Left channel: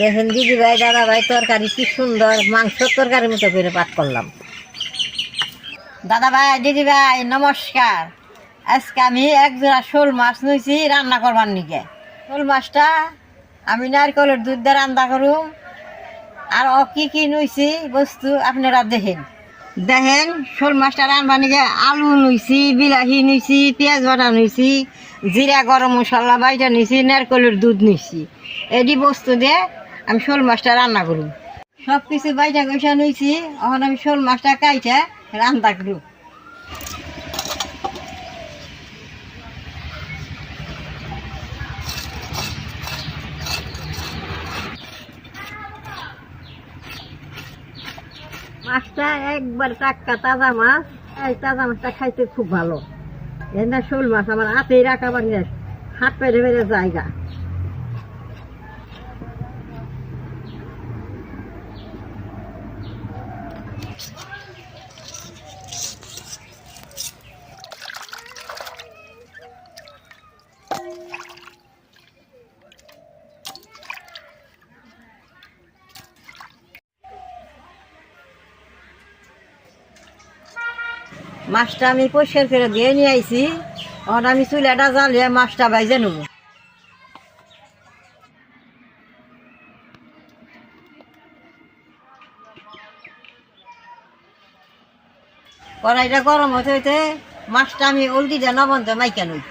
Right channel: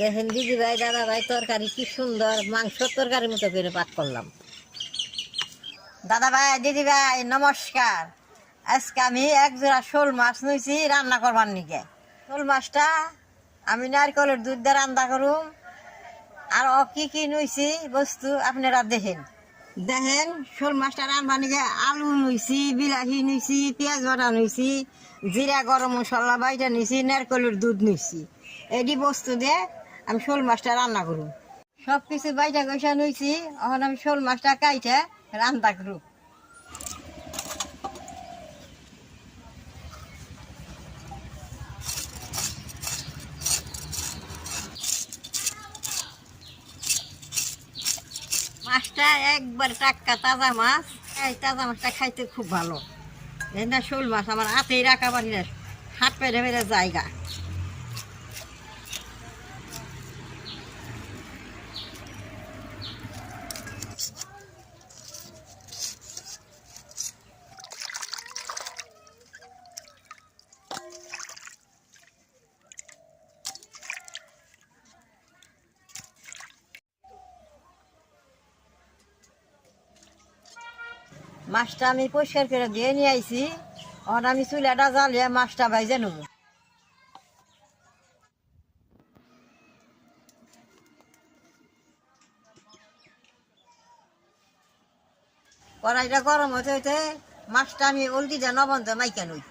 দেখেন দিদি ভাই, দাদা ভাই, তরকারি কি সুন্দর। মাংস তরকারির মতো করে পাক করলাম। দাদা ভাই, দিদি ভাই, নমস্কার। আজকে আমি এক জোড়া শোল মাছ নিয়েছি, রান্না করবার নিকে। শোল মাছটা আমি নারকেলের দুধ দিয়ে রান্না করুম। আর ও কি কি নিয়েছি, বস্তু আপনারা দেখেন। দেখেন, শোল মাছটা রান্না নিকে। আলু নিয়েছি, বিলাহি নিয়েছি, পেঁয়াজ বাটা নিয়েছি, জিরা গরম মশলা বাইটা নিয়েছি, নারকেলের দুধ নিয়েছি। এটি বস্তু দিয়ে আমি শোল মাছটা রান্না করুম। সব কিছু বাইটা গৈসা নিয়েছি এখন আমি শোল মাছটা কাইটা রান্না করুম। মাছটা একবার টাটকা তাজা মাছ, এই তাজা মাছটা খাইতে খুব ভালো। এই না শোল মাছ আমার হাতেই রাখা বাড়ি হাত পেরে পেরে জায়গা। মাছটা আমি পরিষ্কার করে দিয়ে নিয়ে আইছি। এখন আমি চুলাটা জ্বালিয়ে মাছটা বাইজে নেব। কড়াইটা গরম হতে হইতে মাছটা আমি উল্টি দিয়ে নবন্ধ মাইকা নই।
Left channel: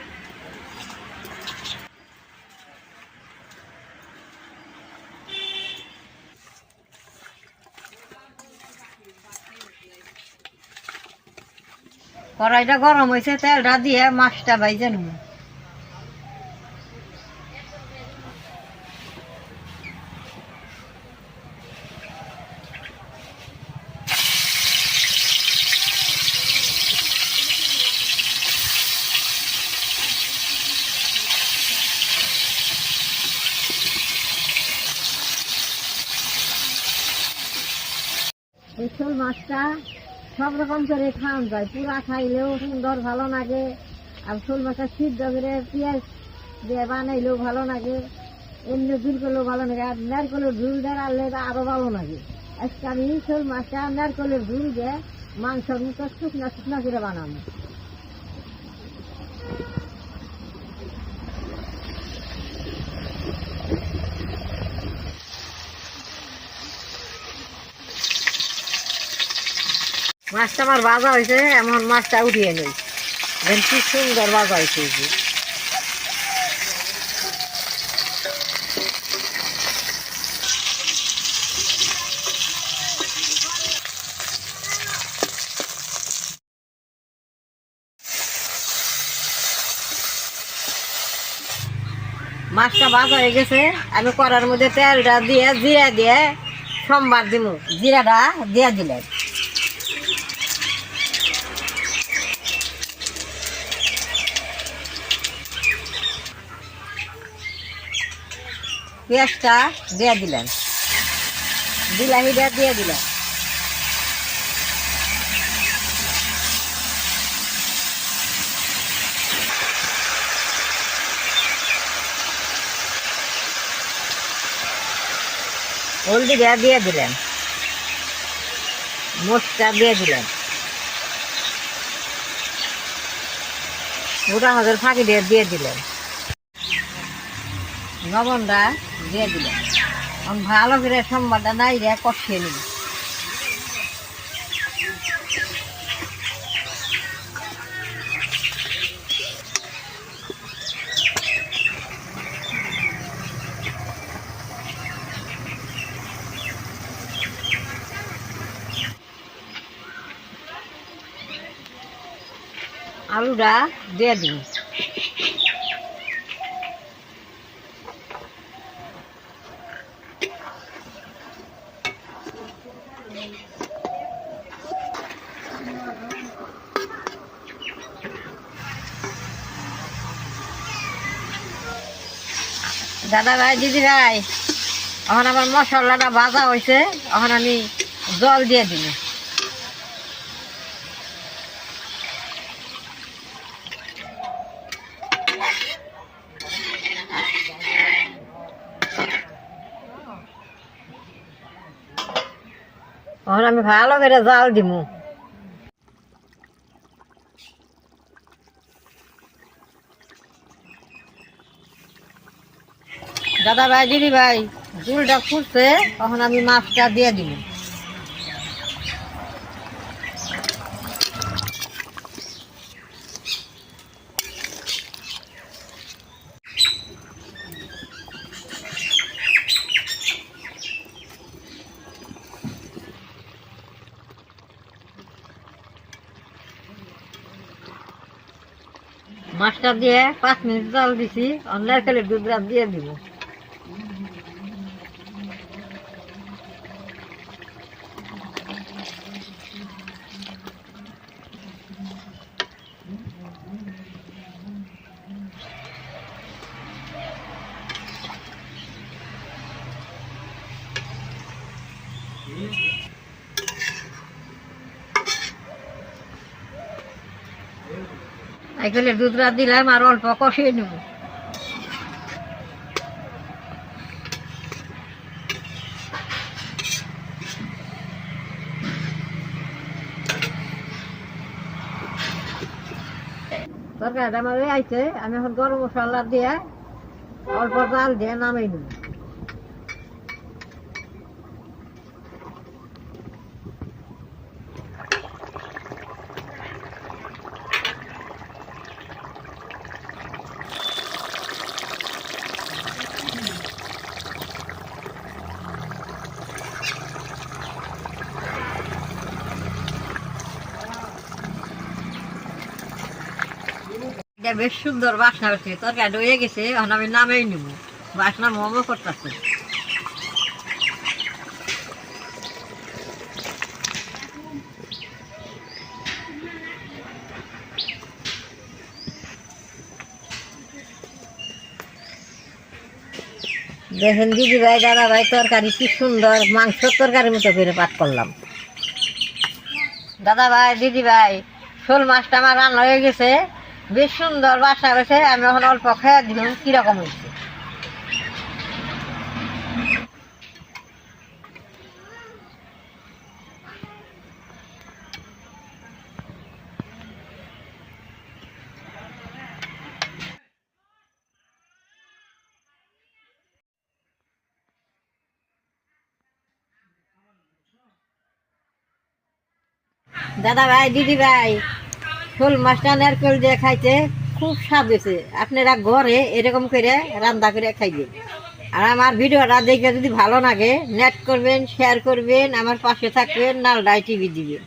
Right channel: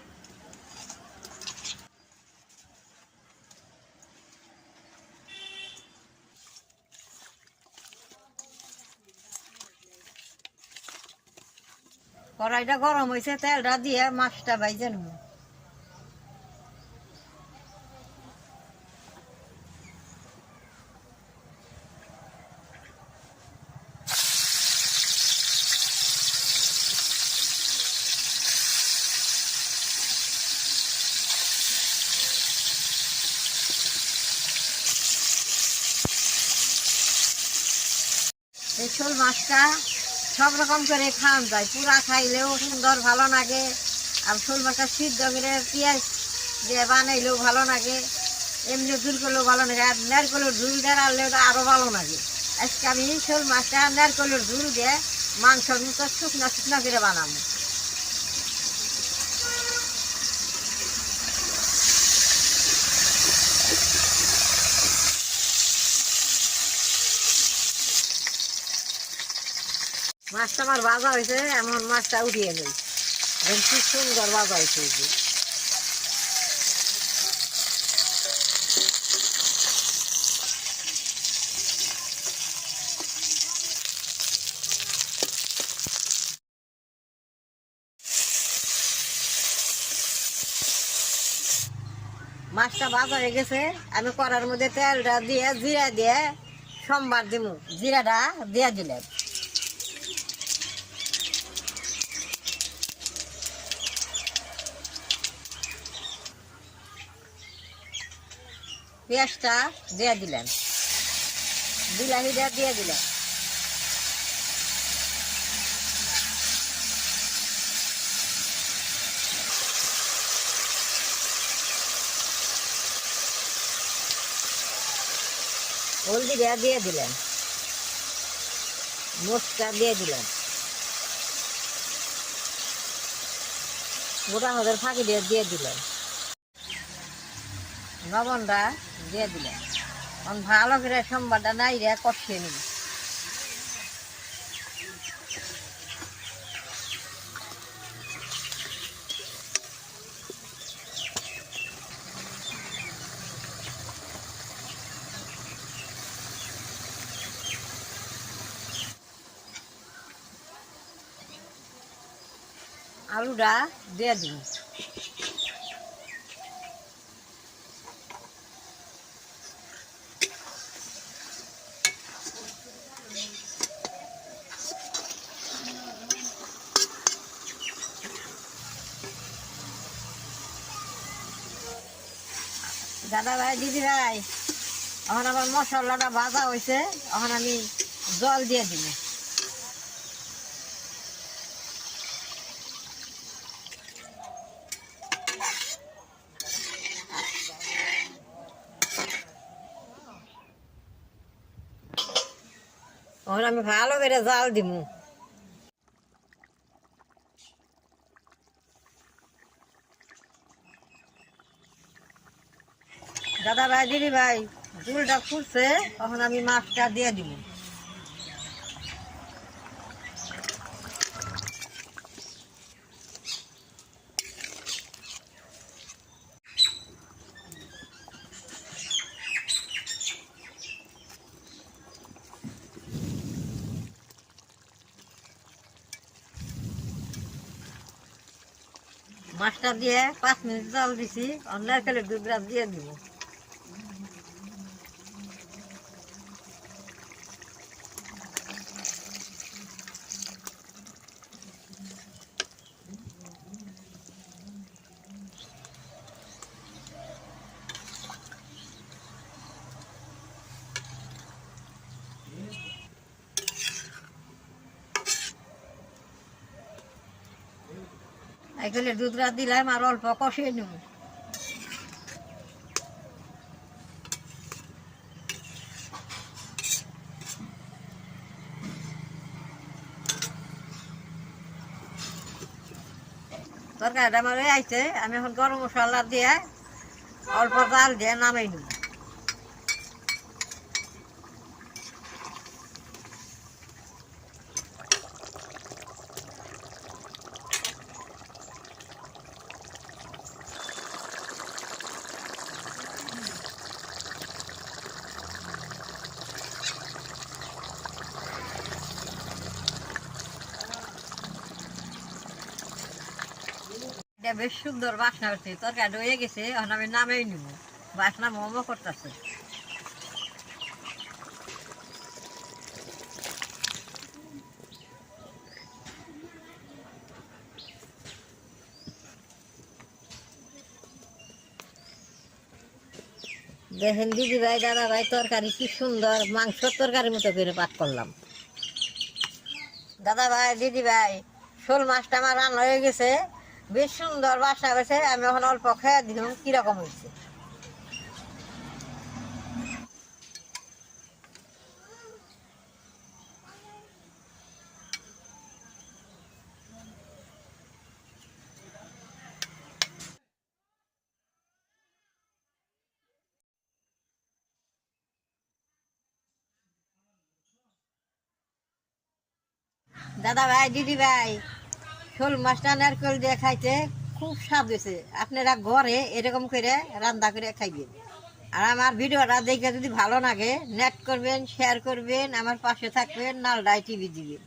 কড়াইটা গরম হয়েছে তেলটা দিয়ে মাছটা বাইজে নেব। এই শোল মাছটা সব রকম করে খাওয়ান যায়। পুরা খাইলেও সুন্দর ভালো লাগে। আর শোল মাছটা সিদ্ধ করে পেঁয়াজ দিয়ে বানাইলেও ভালো লাগে। এমনি ঝুল করলেও ভালো লাগে। আর নারকলের ঝুল দিয়ে তো আরও ভালো লাগে। আজকে আমি শোল মাছটা নারকলের ঝুল দিয়ে মাংসের মতো শুকনা শুকনো করে বানাবো। মাছটা আমার ভাজা হয়েছে, এমন মাছটা উঠিয়ে নেই। কি সুন্দর ভাজা হয়েছে মাছটা ভাজা হয়ে গেছে, আমি করার মধ্যে তেলটা দিয়ে, জিরা দিয়ে, সোমবার দিব জিরাটা দিয়ে দিলেন। পেঁয়াজটা দিয়ে দিলেন। বিলাহিটা দিয়ে দিলেন। হলদিটা দিয়ে দিলেন। মোচটা দিয়ে দিলেন। গোটা হাজার ফাঁকি দিয়ে দিয়ে দিলেন। লবণটা দিয়ে দিলাম এখন ভালো করে সোমবারটা নাই রে কষিয়ে নিব। আলুটা দিয়ে দিন দাদা ভাই, দিদি ভাই, এখন আমার মশলাটা ভাজা হয়েছে এখন আমি জল দিয়ে দিই এখন আমি ভালো করে জাল দিমু দাদা ভাই, দিদি ভাই ঝুলটা ফুটছে তখন আমি মাছটা দিয়ে দিব। মাছটা দিয়ে পাঁচ মিনিট জল দিছি, অনলাইন খেলে দুধ দিয়ে দিব। এখানে দুধ রাত দিলাম আর অল্প কষিয়ে নেব। তরকারিটা আমার আইছে, আমি এখন গরম মশলা দিয়ে অল্প জাল দিয়ে নামাই নেব। বেশ সুন্দর বাসনা হচ্ছে তরকারি হয়ে গেছে, এখন আমি নামেই বাসনা মোমো করতেছে। দেখেন দিদি ভাই, দাদা ভাই, তরকারি কি সুন্দর মাংস তরকারির মতো করে পাক করলাম। দাদা ভাই, দিদি ভাই, শোল মাছটা আমার রান্না হয়ে গেছে। বেশ সুন্দর বাসা গেছে আমি এখন অল্প খেয়ে দিলাম, কীরকম হয়েছে? দাদা ভাই, দিদি ভাই শোল মাছটা নারকেল দিয়ে খাইতে খুব স্বাদ হয়েছে। আপনারা ঘরে এরকম করে রান্না করে খাইবেন আর আমার ভিডিওটা দেখে যদি ভালো লাগে নেট করবেন শেয়ার করবেন, আমার পাশে থাকবেন, নালডাই টিভি দিবেন